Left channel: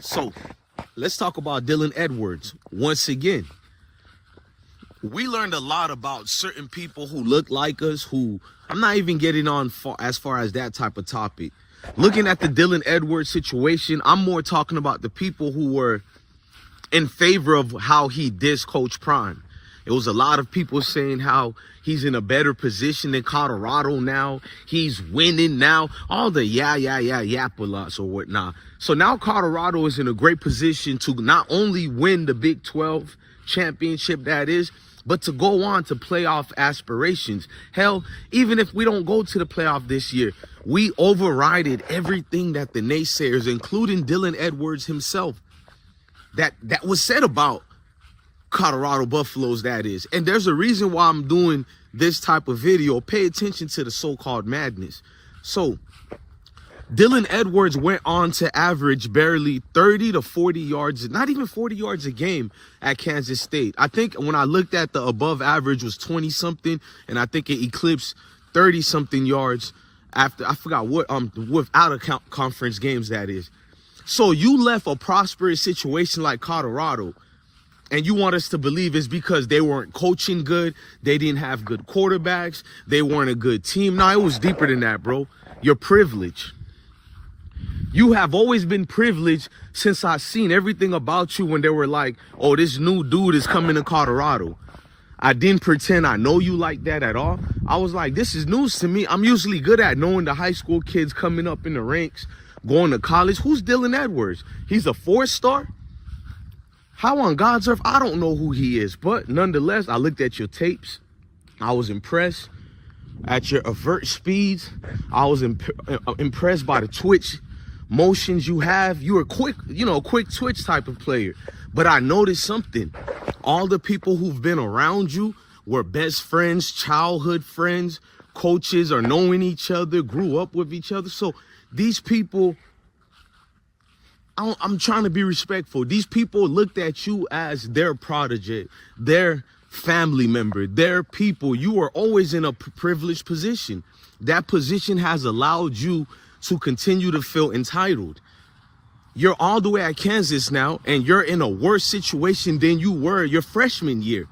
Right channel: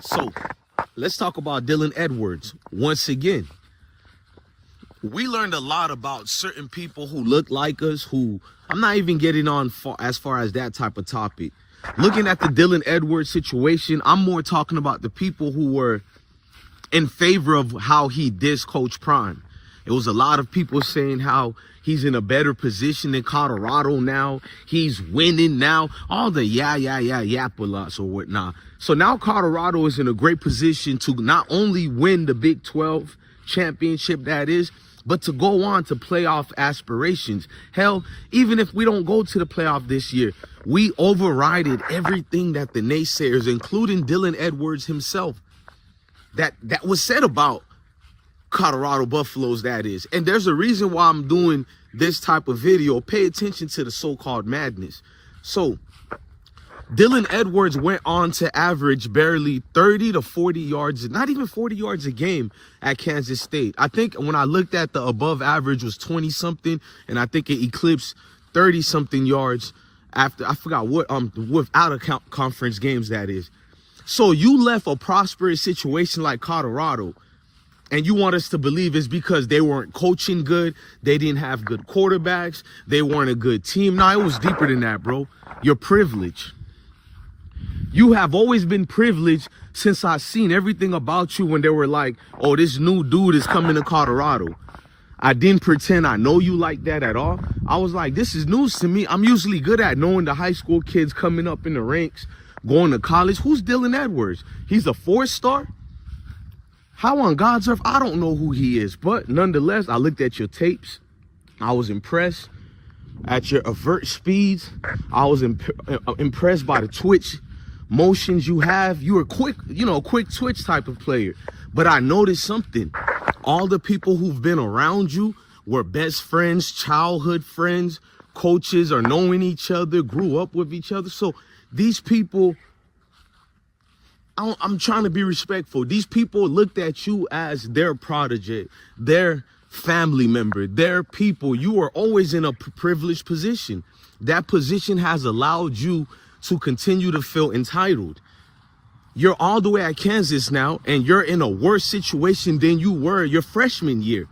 So let's talk about Dylan Edwards once again. We learned a lot about certain people who look like us, who I'm not even getting on as far as that type of topic. Looking at the Dylan Edwards situation, I'm more talking about the people who were in favor of how he dissed Coach Prime. It was a lot of people saying how he's in a better position than Colorado now. He's winning now. All the yap-a-lots or whatnot. So now Colorado is in a great position to not only win the Big 12 championship that is, but to go on to playoff aspirations. Hell, even if we don't go to the playoff this year, we overrided everything that the naysayers, including Dylan Edwards himself, that was said about Colorado Buffaloes, that is. And there's a reason why I'm doing this type of video. Pay attention to the so-called madness. So Dylan Edwards went on to average barely 30 to 40 yards, not even 40 yards a game at Kansas State. I think when I looked at the above average was 20 something, and I think it eclipsed 30 something yards after, I forgot what, without a conference games, that is. So you left a prosperous situation like Colorado, and you want us to believe it's because they weren't coaching good, they didn't have good quarterbacks, they weren't a good team. No, it was deeper than that, bro. You're privileged. You have always been privileged since I've seen everything about you when they were like, oh, this new dude is coming to Colorado. I didn't pretend I know you like that at all. I was like, this is news to me. I'm usually good at knowing the high school kids coming up in the ranks, going to college. Who's Dylan Edwards? He's a 4-star? How on God's earth? I don't know who he is. But nonetheless, I looked at your tapes. I was impressed at your avert speeds. I was impressed by the twitch motions you have. You were quick, quick twitch type of player. But I noticed something. All the people who've been around you were best friends, childhood friends, coaches, or knowing each other, grew up with each other. So these people, I'm trying to be respectful. These people looked at you as their protege, their family member, their people. You are always in a privileged position. That position has allowed you to continue to feel entitled. You're all the way at Kansas now, and you're in a worse situation than you were your freshman year.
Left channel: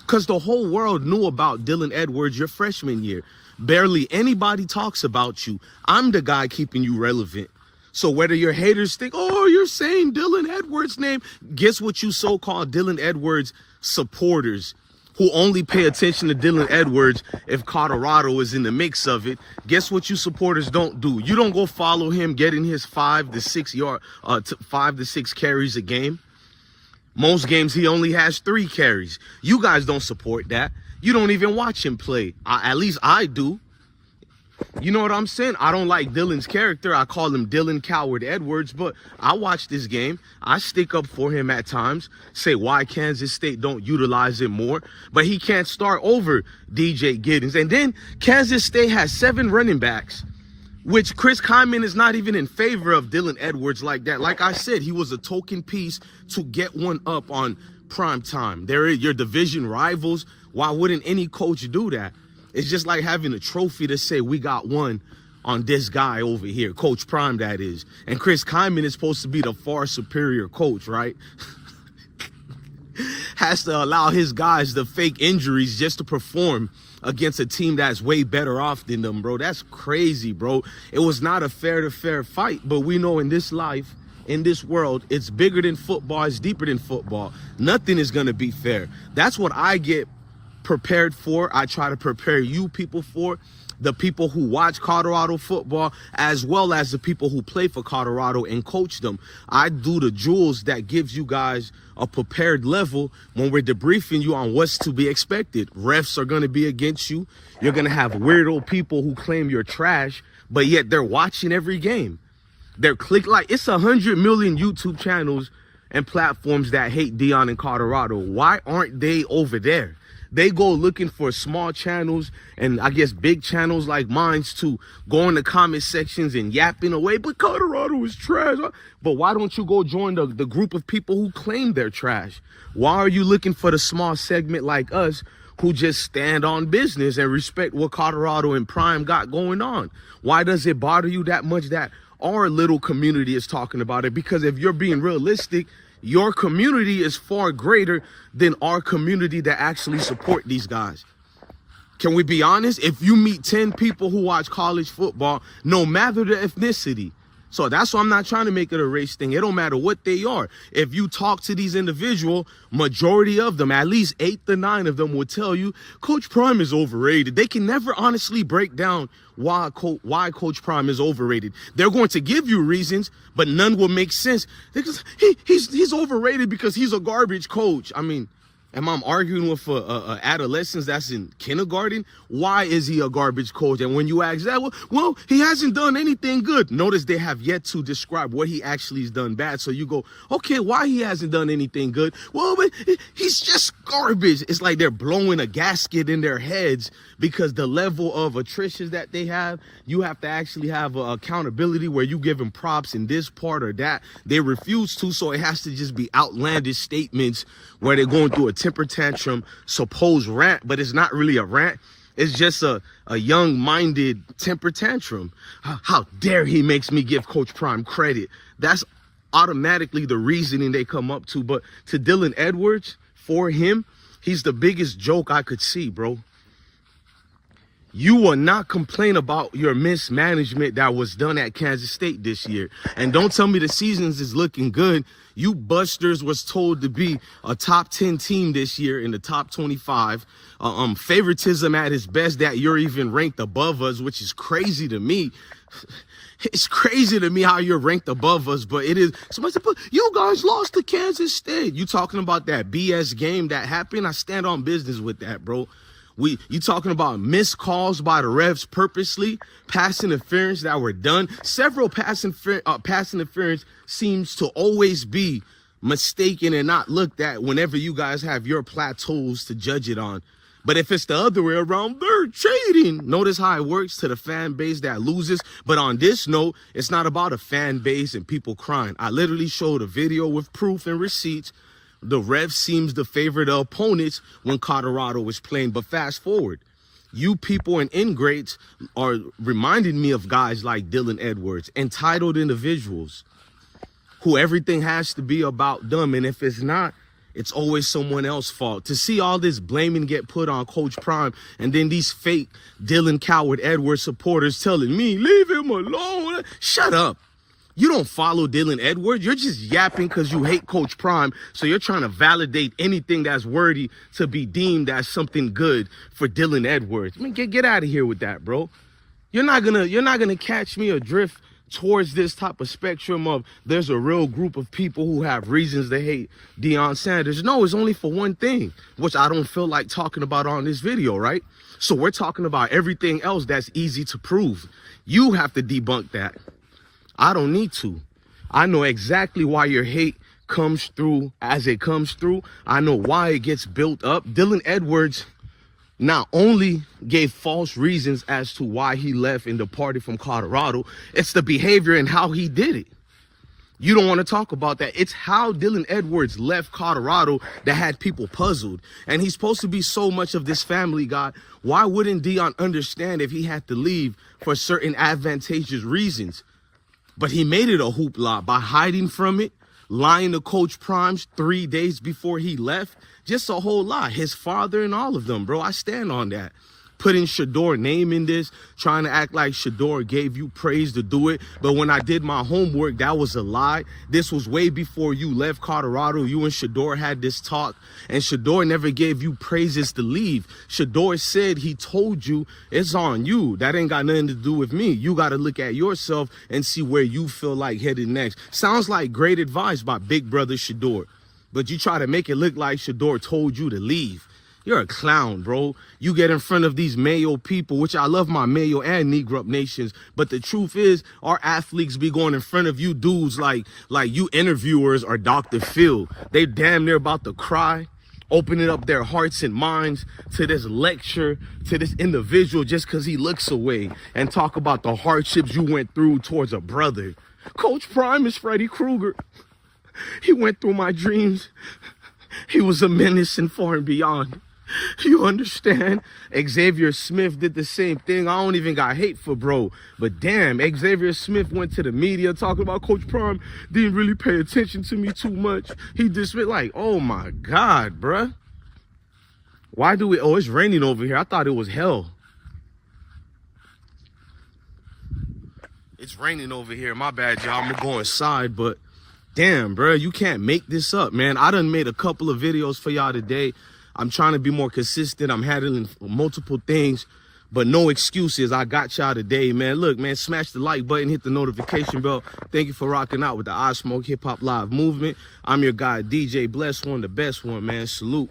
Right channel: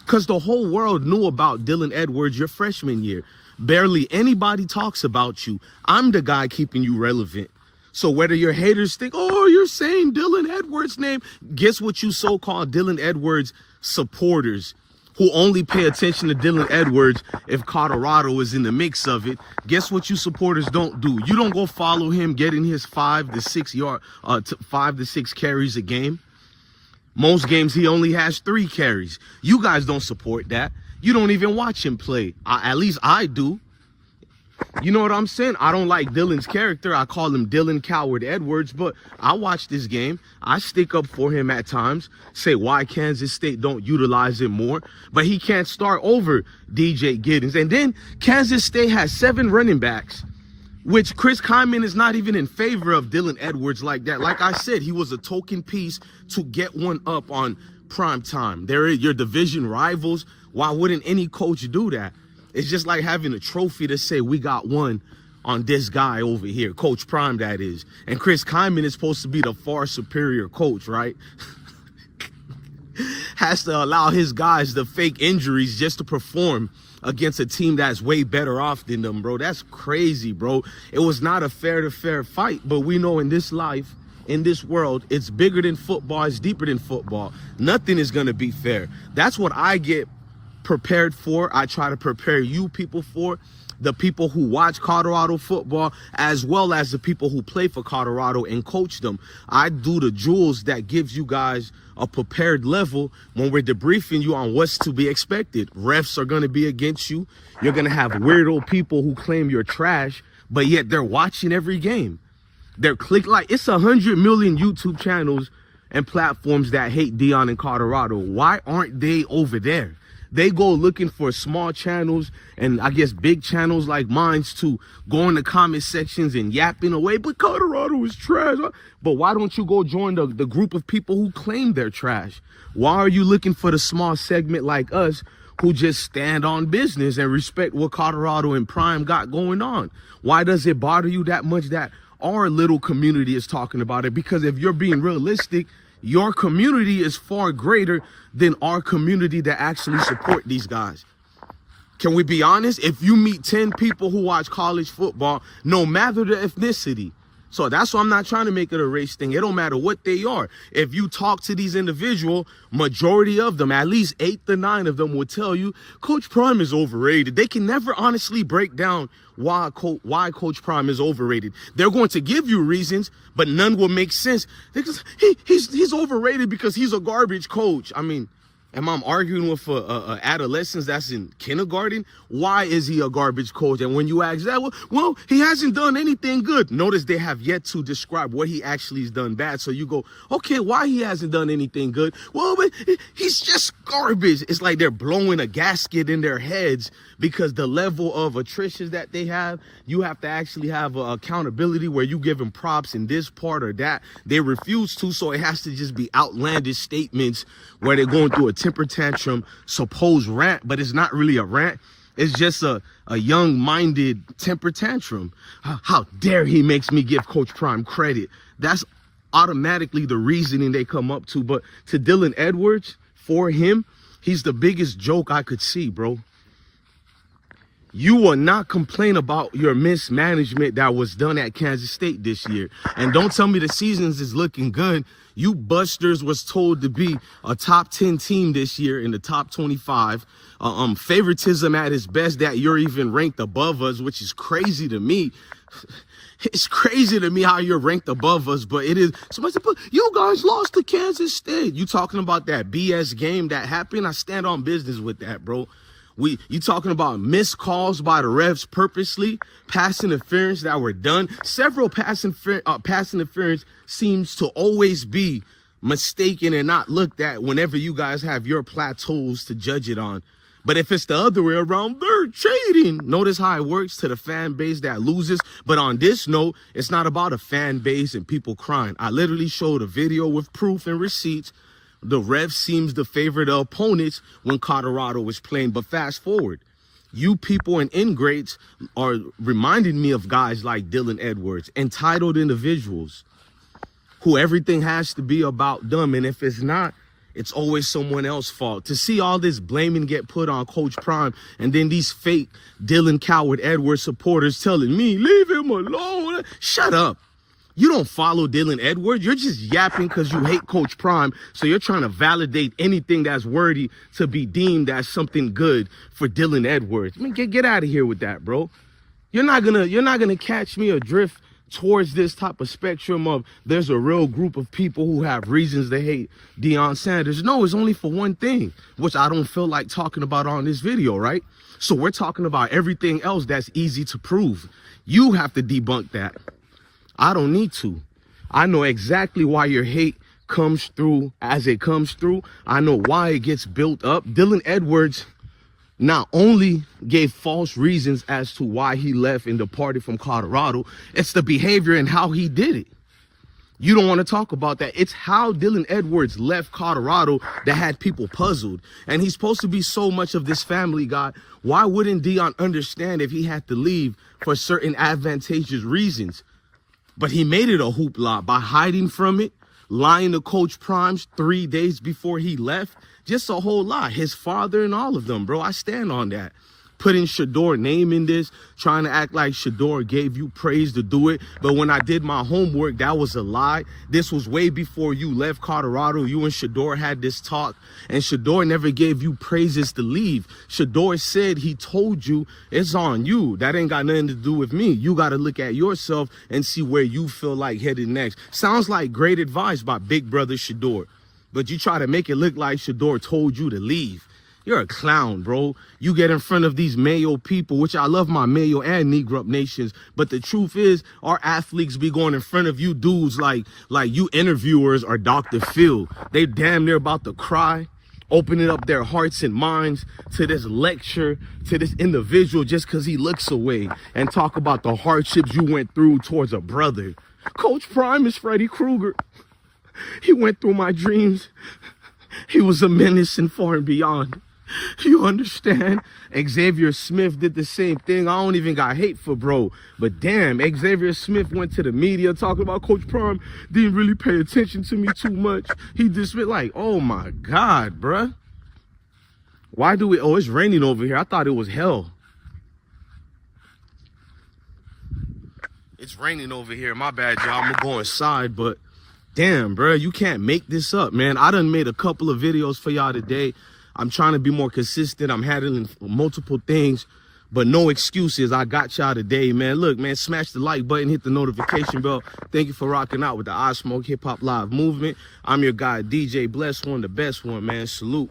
Because the whole world knew about Dylan Edwards your freshman year. Barely anybody talks about you. I'm the guy keeping you relevant. So whether your haters think, oh, you're saying Dylan Edwards' name, guess what you so-called Dylan Edwards supporters who only pay attention to Dylan Edwards if Colorado is in the mix of it, guess what you supporters don't do? You don't go follow him getting his 5 to 6 carries a game. Most games he only has 3 carries. You guys don't support that. You don't even watch him play. At least I do. You know what I'm saying? I don't like Dylan's character. I call him Dylan Coward Edwards, but I watch this game. I stick up for him at times, say why Kansas State don't utilize him more, but he can't start over DJ Giddens. And then Kansas State has 7 running backs, which Chris Kyman is not even in favor of Dylan Edwards like that. Like I said, he was a token piece to get one up on prime time. They're your division rivals. Why wouldn't any coach do that? It's just like having a trophy to say we got one on this guy over here, Coach Prime, that is. And Chris Kyman is supposed to be the far superior coach, right? Has to allow his guys to fake injuries just to perform against a team that's way better off than them, bro. That's crazy, bro. It was not a fair fight, but we know in this life, in this world, it's bigger than football, it's deeper than football. Nothing is going to be fair. That's what I get prepared for. I try to prepare you people for, the people who watch Colorado football, as well as the people who play for Colorado and coach them. I do the jewels that gives you guys a prepared level when we're debriefing you on what's to be expected. Refs are going to be against you. You're going to have weirdo people who claim you're trash, but yet they're watching every game. They're like it's 100 million YouTube channels and platforms that hate Deion in Colorado. Why aren't they over there? They go looking for small channels and I guess big channels like mine to go in the comment sections and yapping away. But Colorado is trash. But why don't you go join the group of people who claim they're trash? Why are you looking for the small segment like us who just stand on business and respect what Colorado and Prime got going on? Why does it bother you that much that our little community is talking about it. Because if you're being realistic, your community is far greater than our community that actually support these guys. Can we be honest? If you meet 10 people who watch college football, no matter the ethnicity. So that's why I'm not trying to make it a race thing. It don't matter what they are. If you talk to these individuals, majority of them, at least 8 to 9 of them will tell you Coach Prime is overrated. They can never honestly break down why Coach Prime is overrated. They're going to give you reasons, but none will make sense. Because he's overrated because he's a garbage coach. I mean, am I arguing with a adolescent that's in kindergarten? Why is he a garbage coach? And when you ask that, well, he hasn't done anything good. Notice they have yet to describe what he actually has done bad. So you go, okay, why he hasn't done anything good? Well, he's just garbage. It's like they're blowing a gasket in their heads because the level of attrition that they have, you have to actually have accountability where you give them props in this part or that. They refuse to, so it has to just be outlandish statements where they're going through a temper tantrum, supposed rant, but it's not really a rant. It's just a young-minded temper tantrum. How dare he makes me give Coach Prime credit? That's automatically the reasoning they come up to. But to Dylan Edwards, for him, he's the biggest joke I could see, bro. You will not complain about your mismanagement that was done at Kansas State this year. And don't tell me the seasons is looking good. You busters was told to be a top 10 team this year in the top 25. Favoritism at its best that you're even ranked above us, which is crazy to me. It's crazy to me how you're ranked above us, but it is. You guys lost to Kansas State. You talking about that BS game that happened? I stand on business with that, bro. You talking about missed calls by the refs purposely, pass interference that were done. Several pass interference seems to always be mistaken and not looked at whenever you guys have your plateaus to judge it on. But if it's the other way around, they're cheating. Notice how it works to the fan base that loses. But on this note, it's not about a fan base and people crying. I literally showed a video with proof and receipts. The ref seems to favor the opponents when Colorado was playing. But fast forward, you people and ingrates are reminding me of guys like Dylan Edwards, entitled individuals who everything has to be about them. And if it's not, it's always someone else's fault. To see all this blaming get put on Coach Prime and then these fake Dylan Coward Edwards supporters telling me, leave him alone. Shut up. You don't follow Dylan Edwards. You're just yapping because you hate Coach Prime. So you're trying to validate anything that's worthy to be deemed as something good for Dylan Edwards. I mean, get out of here with that, bro. You're not gonna catch me adrift towards this type of spectrum of there's a real group of people who have reasons to hate Deion Sanders. No, it's only for one thing, which I don't feel like talking about on this video, right? So we're talking about everything else that's easy to prove. You have to debunk that. I don't need to. I know exactly why your hate comes through as it comes through. I know why it gets built up. Dylan Edwards not only gave false reasons as to why he left and departed from Colorado, it's the behavior and how he did it. You don't want to talk about that. It's how Dylan Edwards left Colorado that had people puzzled. And he's supposed to be so much of this family guy. Why wouldn't Deion understand if he had to leave for certain advantageous reasons? But he made it a hoopla by hiding from it, lying to Coach Primes 3 days before he left. Just a whole lot. His father and all of them, bro. I stand on that. Putting Shadour's name in this, trying to act like Shador gave you praise to do it. But when I did my homework, that was a lie. This was way before you left Colorado. You and Shador had this talk, and Shador never gave you praises to leave. Shador said he told you it's on you. That ain't got nothing to do with me. You got to look at yourself and see where you feel like headed next. Sounds like great advice by big brother Shador. But you try to make it look like Shador told you to leave. You're a clown, bro. You get in front of these Mayo people, which I love my Mayo and Negro nations. But the truth is, our athletes be going in front of you dudes like you interviewers are Dr. Phil. They damn near about to cry, opening up their hearts and minds to this lecture, to this individual just because he looks away and talk about the hardships you went through towards a brother. Coach Prime is Freddy Krueger. He went through my dreams. He was a menace and far and beyond. You understand? Xavier Smith did the same thing. I don't even got hate for bro. But damn, Xavier Smith went to the media talking about Coach Prime didn't really pay attention to me too much. He dismissed, like, oh my God, bruh. Why do we, oh, it's raining over here. I thought it was hell. It's raining over here. My bad, y'all. I'm gonna go inside, but damn, bro, you can't make this up, man. I done made a couple of videos for y'all today. I'm trying to be more consistent. I'm handling multiple things, but no excuses. I got y'all today, man. Look, man, smash the like button, hit the notification bell. Thank you for rocking out with the I Smoke Hip Hop Live movement. I'm your guy, DJ Bless One, the best one, man. Salute.